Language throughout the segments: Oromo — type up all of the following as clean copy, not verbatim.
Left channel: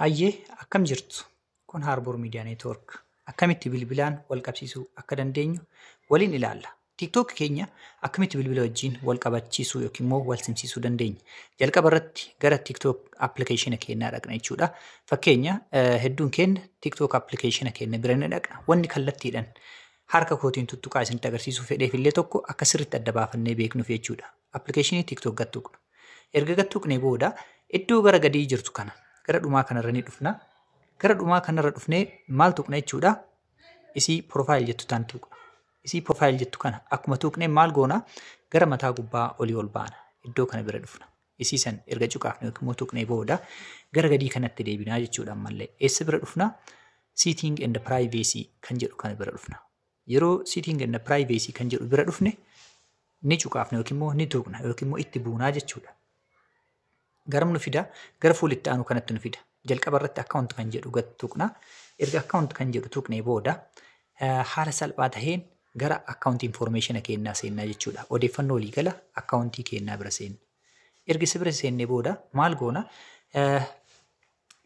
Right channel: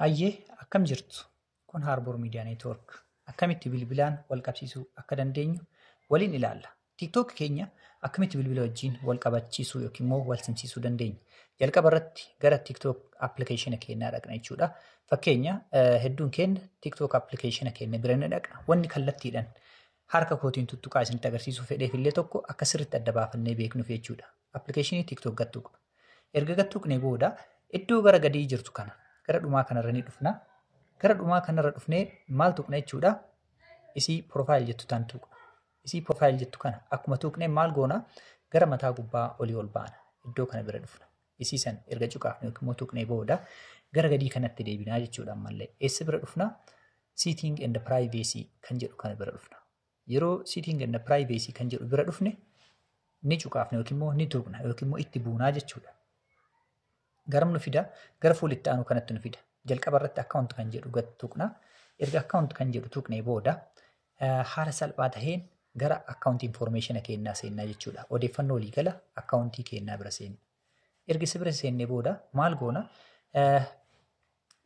Hayyee akkam jirtu? Kun Harbour Media Network. Akkamitti bilbilaan wal qabsiisuu akka dandeenyu waliin ilaalla. TikTok keenya akkamitti bilbila wajjin wal qabachiisuu yookiin immoo wal simsiisuu dandeenya. Jalqaba irratti gara TikTok application keenyaa dhaqna jechuudha. Fakkeenya hedduun keenya TikTok application keenya bira ni dhaqna. Wanni kallattiidhaan harka kootiin tuttuqaa isinitti agarsiisuu fedheef illee tokko akka sirriitti adda baafannee beeknuuf jechuudha. Applicationii TikTok gattuqna. Erga gattuqnee booda iddoo gara gadii jirtu kana gara dhumaa kanarra ni dhufna. Gara dhumaa kanarra dhufnee maal tuqna jechuudha? Isii profile jettu taan tuqna. Isii profile jettu kana akkuma tuqnee maal goona? Gara mataa gubbaa olii ol baana. Iddoo kana bira dhufna. Isii san erga cuqaafne yookiin immoo tuqnee booda gara gadii kanatti deebinaa jechuudha ammallee. Eessa bira dhufna? Setting and privacy kan jedhu kana bira dhufna. Yeroo setting and privacy kan jedhu bira dhufne ni cuqaafne yookiin immoo ni tuqna yookiin immoo itti buunaa jechuudha. Garam nu fida? Gara fuulitti aanu kanatti nu fida. Jalqaba irratti account kan jedhu tuqna. Erga account kan jedhu tuqnee booda haala salphaa taheen gara account information keenyaa seennaa jechuudha. Odeeffannoo waliigala account keenyaa bira seenna. Erga si bira seennee booda maal goona?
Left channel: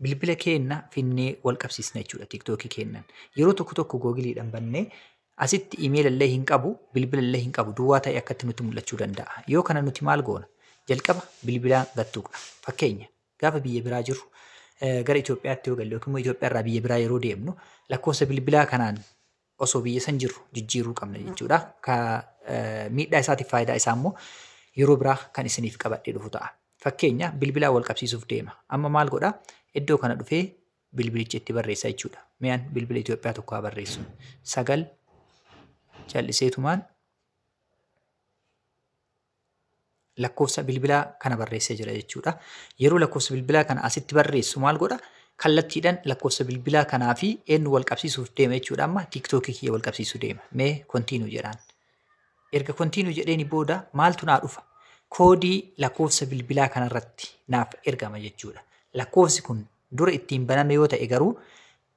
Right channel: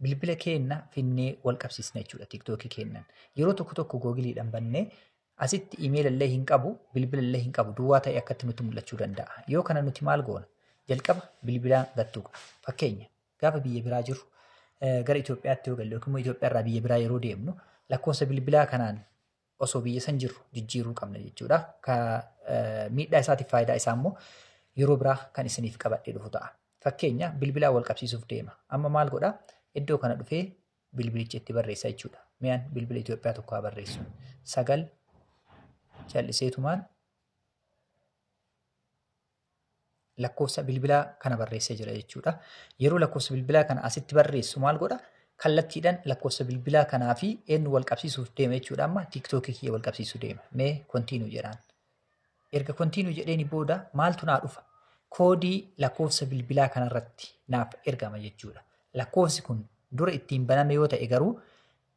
Bilbila keenya finnee wal qabsiisna jechuudha TikTok keenyan. Yeroo tokko Googleedhaan bannee asitti email illee hin qabu, bilbila illee hin qabu, duwwaa ta'e akkatti nutti mul'achuu danda'a. Yoo kana nuti maal goona? Jalqaba bilbilaan gattuqna. Fakkeenya gaafa biyya biraa jiru gara Itoophiyaatti yoo galle yookiin immoo Itoophiyaa irraa biyya biraa yeroo deemnu lakkoofsa bilbilaa kanaan osoo biyya san jiru jijjiiruu qabna jechuudha. Miidhaa isaatiif faayidaa isaa immoo yeroo biraa kan isiniif qabadhee dhufu ta'a. Fakkeenya bilbilaa wal qabsiisuuf deema. Amma maal godhaa? Iddoo kana dhufee bilbilicha itti barreessa jechuudha. Miyaan bilbila Itoophiyaa tokko haa barreessu. 9 calliseetumaan lakkoofsa bilbilaa kana barreessee jira jechuudha. Yeroo lakkoofsa bilbilaa kana asitti barreessu maal godha? Kallattiidhaan lakkoofsa bilbilaa kanaa fi eenyu wal qabsiisuuf deema jechuudha. Amma TikTok kiyya wal qabsiisuu deema. Mee continue jedhaan. Erga continue jedheeni booda maaltu naa dhufa? Koodii lakkoofsa bilbilaa kanarratti naaf ergama jechuudha. Lakkoofsi kun dura ittiin baname yoo ta'e garuu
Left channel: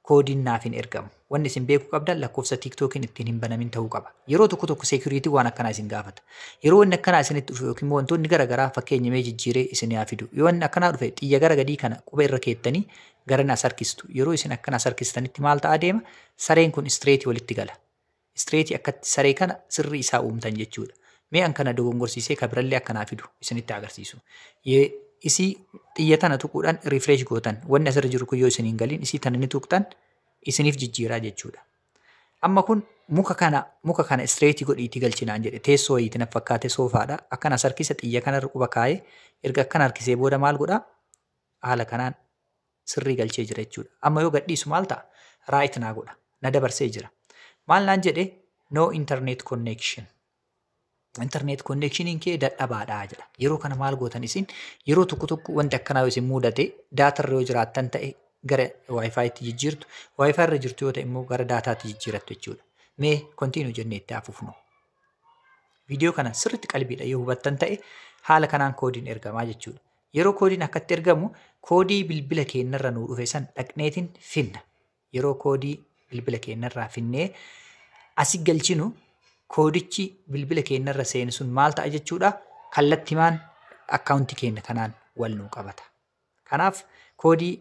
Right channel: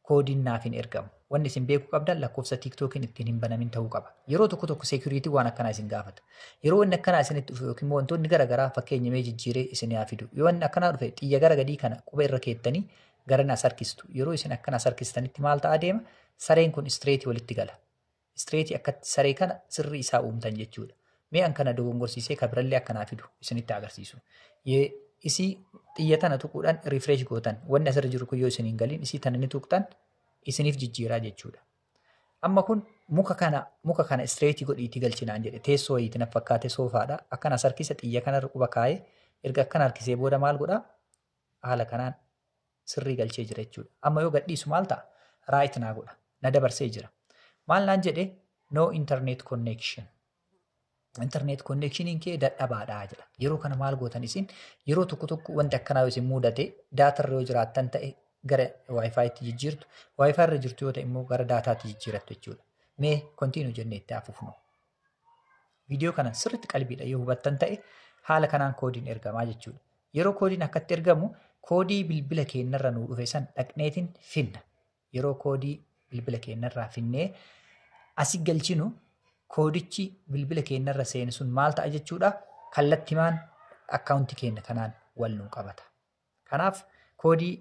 koodiin naaf hin ergamu. Wanni isin beekuu qabdan lakkoofsa TikTokiin ittiin hin banamin ta'uu qaba. Yeroo tokko security waan akkanaa isin gaafata. Yeroo wanni akkanaa isinitti dhufe yookiin wantoonni garaagaraa fakkeenya mee jijjiiree isin haa fidu. Yoo wanni akkanaa dhufe xiyya gara gadii kana quba irra keettanii gara as harkistu. Yeroo isin akkana as harkistanitti maal ta'a deema? Sareen kun straight walitti gala. Straight akkatti saree kana sirri isaa uumtan jechuudha. Mee an kana dogongorsiisee ka birallee akkanaa fidu isinitti agarsiisu. Isii xiyya tana tuquudhaan refresh gootan. Wanni asirra jiru kun yoo isin hin galiin isii tana ni tuqtan isiniif jijjiiraa jechuudha. Amma kun muka kana straight godhiitii galchinaan jedhe teessoo wayiitii na fakkaate soofaadha. Akkana harkisa xiyya kanarra quba kaa'ee erga akkana harkisee booda maal godhaa? Haala kanaan sirrii galchee jira jechuudha. Amma yoo gadhiisu maal ta'a? Right naa godha. Na dabarsee jira. Maal naan jedhe? No internet connection. Internet connectioniin kee dadhabaadhaa jedha. Yeroo kana maal gootan isin? Yeroo tokko wanti akkanaa isin mudate daatarra yoo jiraattan ta'e gara Wi-Fiitti jijjiirtu. Wi-Fi irra jirtu yoo ta'e immoo gara daataatti jijjiirattu jechuudha. Mee continue jennee itti hafuufnu. Viidiyoo kana sirriitti qalbiidha yoo hubattan ta'e haala kanaan koodiin ergamaa jechuudha. Yeroo koodiin akkatti ergamu koodii bilbila keenyarra nuu dhufe san dhaqneetiin finna. Yeroo koodii bilbila keenyarraa finnee asii galchinu koodichi bilbila keenyarra seenu sun maal ta'a jechuudha? Kallattimaan akkaawuntii keenya kanaan wal nuu qabata. Kanaaf koodii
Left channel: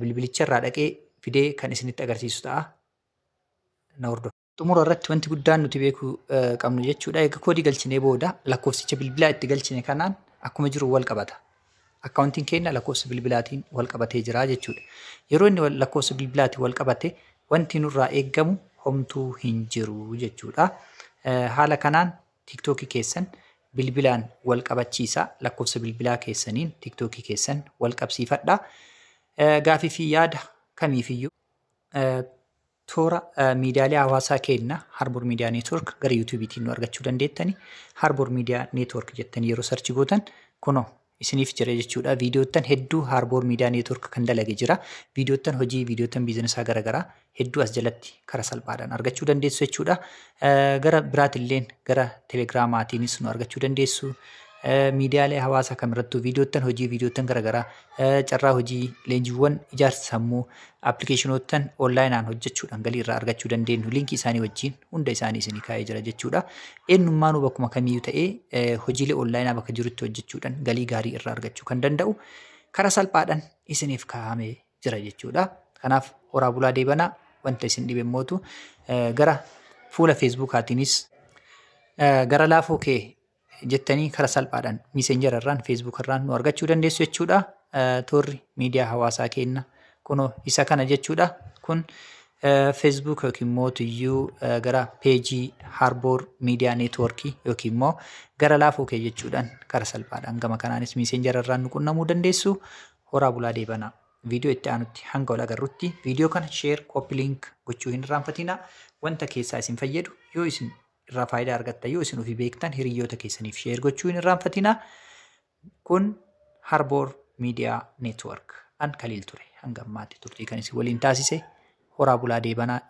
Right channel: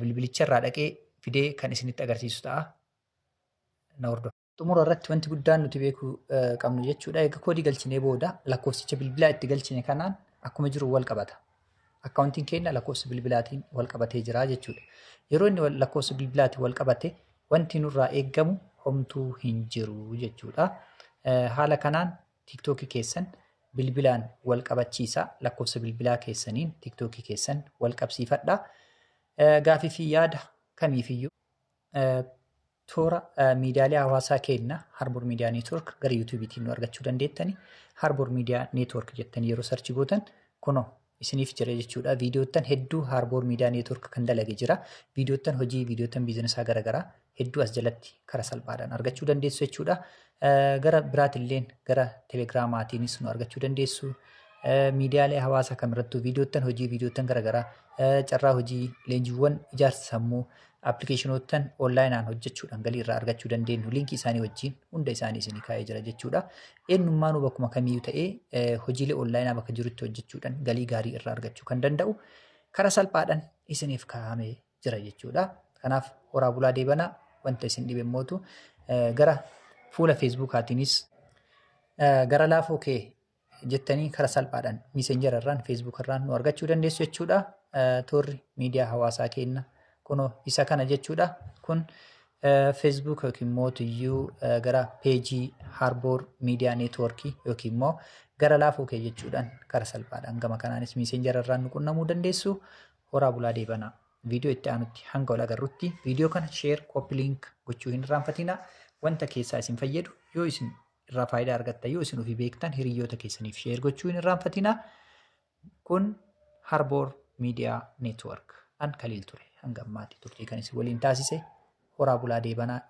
bilbilicharraa dhaqee fidee kan isinitti agarsiisu ta'a. Na hordofa. Xumura irratti wanti guddaan nuti beekuu qabnu jechuudha. Egaa koodii galchinee booda lakkoofsicha bilbilaa itti galchine kanaan akkuma jiru wal qabata. Akkaawuntiin keenya lakkoofsa bilbilaatiin wal qabatee jira jechuudha. Yeroo inni lakkoofsa bilbilaatiin wal qabate wanti nurraa eeggamu homtuu hin jiru jechuudha. Haala kanaan TikTok keessan bilbilaan wal qabachiisa. Lakkoofsa bilbilaa keessaniin TikTok keessan wal qabsiifadha. Gaafii fi yaada kamiifiyyuu toora miidiyaalee hawaasaa keenya Harbour Media Network gara YouTubeetiin nu argachuu dandeettani. Harbour Media Network jettanii yeroo sarchi gootan kunoo isiniif jira jechuudha. Viidiyoottan hedduu Harbour Media Network kan dalage jira. Viidiyoottan hojii, viidiyoottan biizinesaa garaagaraa hedduu as jalatti karaa salphaadhaan argachuu dandeessu jechuudha. Gara biraatilleen gara Telegiraamaatiinis nu argachuu dandeessu. Miidiyaalee hawaasaa kamirrattuu viidiyoottan hojii, viidiyoottan garaagaraa, carraa hojii, leenjiiwwan ijaarsa sammuu, appilikeeshinoottan onlaayinaan hojjechuudhaan galii irraa argachuu dandeenyu liinkii isaanii wajjin hunda isaanii isinii kaa'ee jira jechuudha. Eenyummaanuu bakkuma kamiyyuu ta'ee hojiilee onlaayinaa bakka jirutti hojjechuudhaan galii gaarii irraa argachuu kan danda'u karaa salphaadhaan isiniif kaa'amee jira jechuudha. Kanaaf horaa bulaa deebanaa wanta isin dhibe mootu gara fuula feesbuukaatiinis gara laafoo kee jettanii karaa salphaadhaan miisenjara irraan feesbuuk irraan nu argachuu dandeessu jechuudha. Toorri miidiyaa hawaasaa keenya kunoo isa kana jechuudha. Kun feesbuuk yookiin mootiyyuu gara peejii Harboor miidiyaa neetwoorkii yookiin immoo gara laafoo kee jechuudhaan karaa salphaadhaan gama kanaanis miisenjara irraan nu qunnamuu dandeessu. Horaa bulaa deebanaa. Viidiyoo itti aanutti hanga wal agarrutti viidiyoo kana sheer kooppi liink gochuu hin irraanfatinaa. Wanta keessaa isin fayyadu yoo isin irraa faayidaa argattan yoo isin ofii beektan hiriyoota keessaniif sheer gochuu hin irraanfatinaa. Kun Harboor miidiyaa neetwoork an Kaliil ture hanga ammaatti turtii kan isin waliin taasise horaa bulaa deebanaa.